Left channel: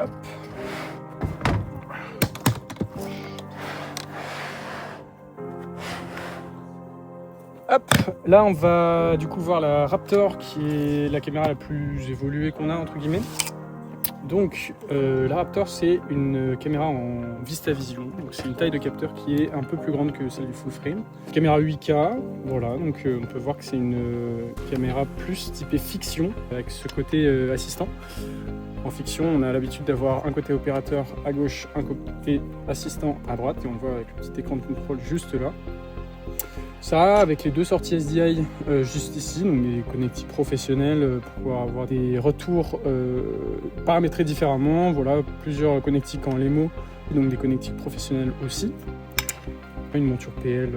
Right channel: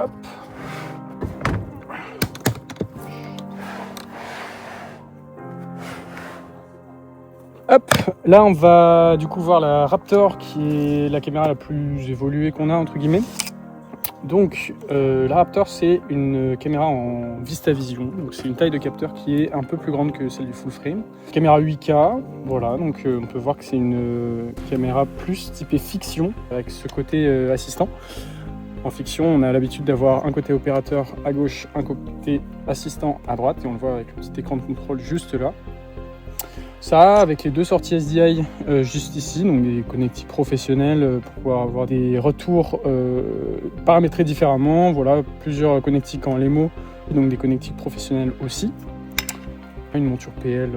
Hop. Hop, là on va du coup voir la Raptor qui est la caméra la plus évoluée qu'on a entre guillemets. Donc la Raptor c'est une caméra en VistaVision, donc c'est une taille de capteur qui est un peu plus grande que celle du full frame. Caméra 8K, voilà, donc on peut voir que c'est une caméra plus typée fiction avec ce côté assistant. En fiction, on a l'habitude d'avoir un côté opérateur à gauche, un côté assistant à droite, et on le voit avec le petit écran de contrôle juste là. Ça, avec les deux sorties SDI juste ici, donc des connectiques professionnels pour pouvoir avoir des retours paramétrés différemment. Voilà, plusieurs connectiques en LEMO, et donc des connectiques professionnels aussi. Une monture PL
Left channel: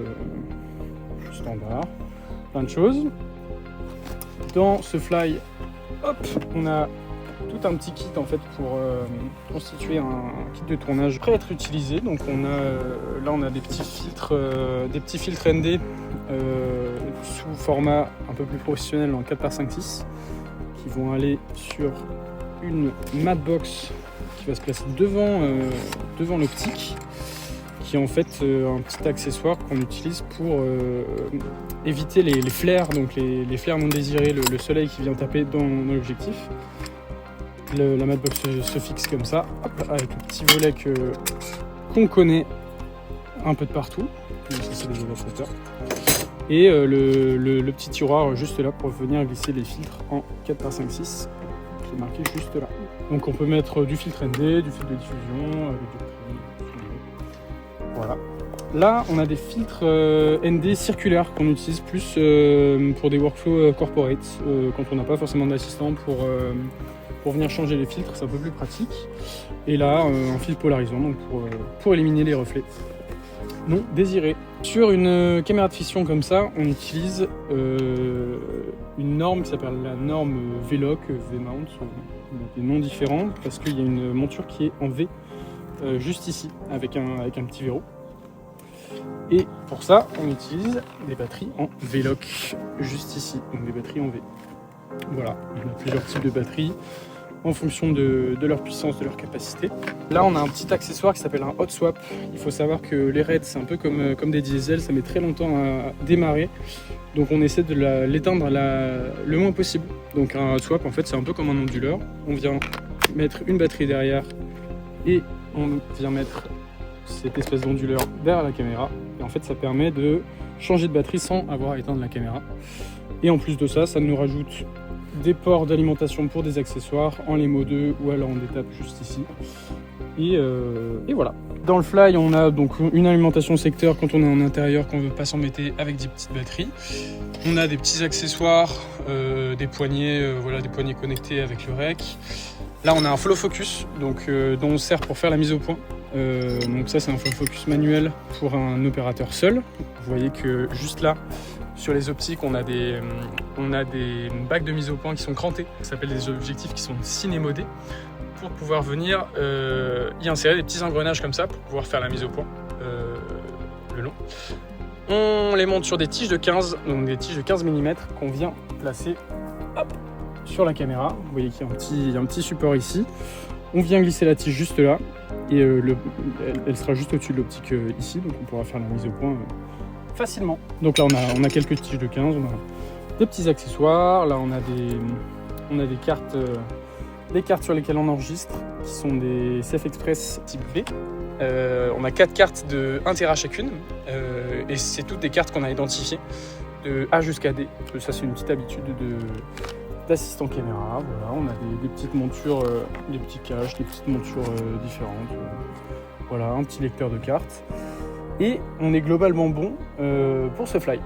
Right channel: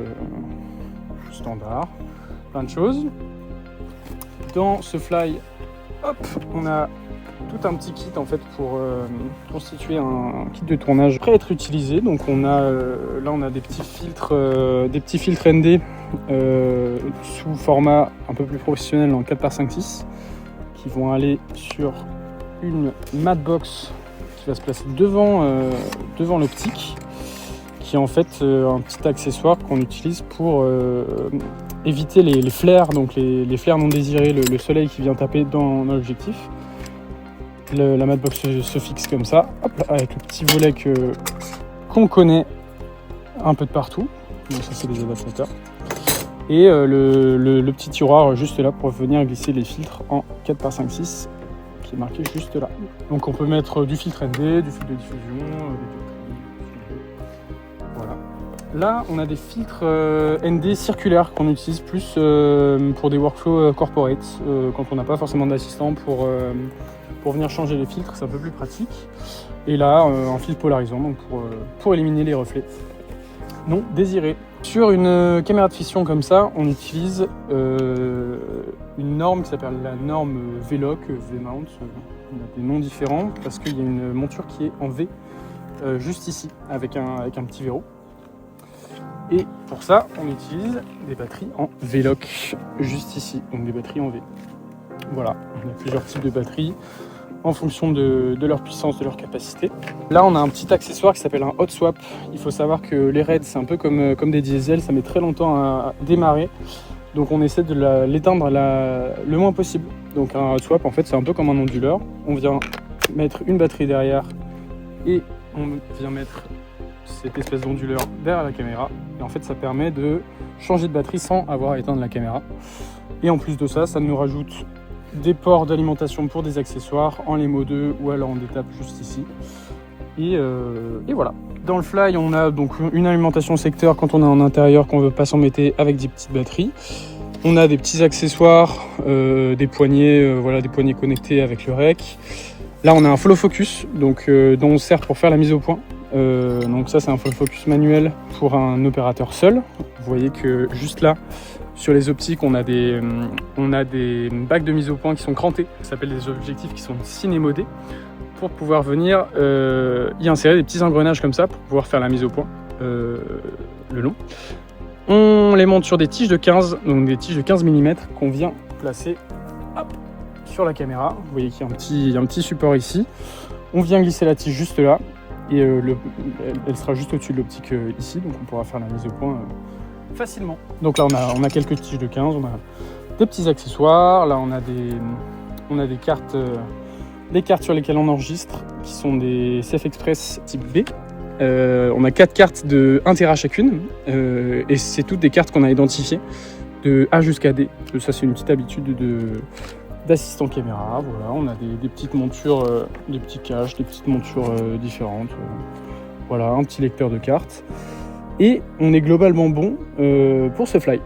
standard, plein de choses. Dans ce fly, hop, on a tout un petit kit en fait pour constituer un kit de tournage prêt à être utilisé. Donc on a là on a des petits filtres ND sous format un peu plus professionnel en 4x5.6 qui vont aller sur une matte box qui va se placer devant l'optique, qui est en fait un petit accessoire qu'on utilise pour éviter les flares, donc les flares non désirés, le soleil qui vient taper dans l'objectif. La matbox se fixe comme ça, hop, avec le petit volet qu'on connaît un peu de partout. Donc ça c'est des adaptateurs. Et le petit tiroir juste là pour venir glisser les filtres en 4x5.6 qui est marqué juste là. Donc on peut mettre du filtre ND, du filtre de diffusion, des dioptries. Voilà. Là on a des filtres ND circulaires qu'on utilise plus pour des workflows corporate, quand on n'a pas forcément d'assistant pour venir changer les filtres, c'est un peu plus pratique. Et là, un filtre polarisant donc pour éliminer les reflets non désirés. Sur une caméra de fiction comme ça, on utilise une norme qui s'appelle la norme VLOC, V-mount, on a des noms différents parce qu'il y a une monture qui est en V juste ici avec un petit verrou. Et pour ça, on utilise des batteries en VLOC juste ici, donc des batteries en V. Voilà, on a plusieurs types de batteries en fonction de leur puissance, de leur capacité. Là, on a un petit accessoire qui s'appelle un hot swap. Il faut savoir que les raids, c'est un peu comme des diesels, ça met très longtemps à démarrer. Donc on essaie de l'éteindre le moins possible. Donc un hot swap, en fait, c'est un peu comme un onduleur. On vient mettre une batterie derrière et on vient mettre cette espèce d'onduleur derrière la caméra. Et en fait, ça permet de changer de batterie sans avoir à éteindre la caméra. Et en plus de ça, ça nous rajoute des ports d'alimentation pour des accessoires en LEMO 2 ou alors on détape juste ici. Et voilà. Dans le fly, on a donc une alimentation secteur quand on est en intérieur, qu'on ne veut pas s'embêter avec des petites batteries. On a des petits accessoires, des poignées, voilà, des poignées connectées avec le rec. Là, on a un follow focus, donc dont on sert pour faire la mise au point. Donc ça, c'est un follow focus manuel pour un opérateur seul. Vous voyez que juste là, sur les optiques, on a des bacs de mise au point qui sont crantés. Ça s'appelle des objectifs qui sont cinémodés pour pouvoir venir y insérer des petits engrenages comme ça pour pouvoir faire la mise au point le long. On les monte sur des tiges de 15, donc des tiges de 15 mm qu'on vient placer hop, sur la caméra. Vous voyez qu'il y a un petit support ici. On vient glisser la tige juste là et elle sera juste au-dessus de l'optique ici, donc on pourra faire la mise au point facilement. Donc là on a quelques tiges de 15, on a des petits accessoires, là on a des cartes, les cartes sur lesquelles on enregistre qui sont des CF Express type B. On a 4 cartes de 1 Tera chacune et c'est toutes des cartes qu'on a identifiées de A jusqu'à D. Ça c'est une petite habitude d'assistant caméra. Voilà, on a des petites montures, des petits caches, des petites montures différentes. Voilà, un petit lecteur de cartes. Et on est globalement bon pour ce fly.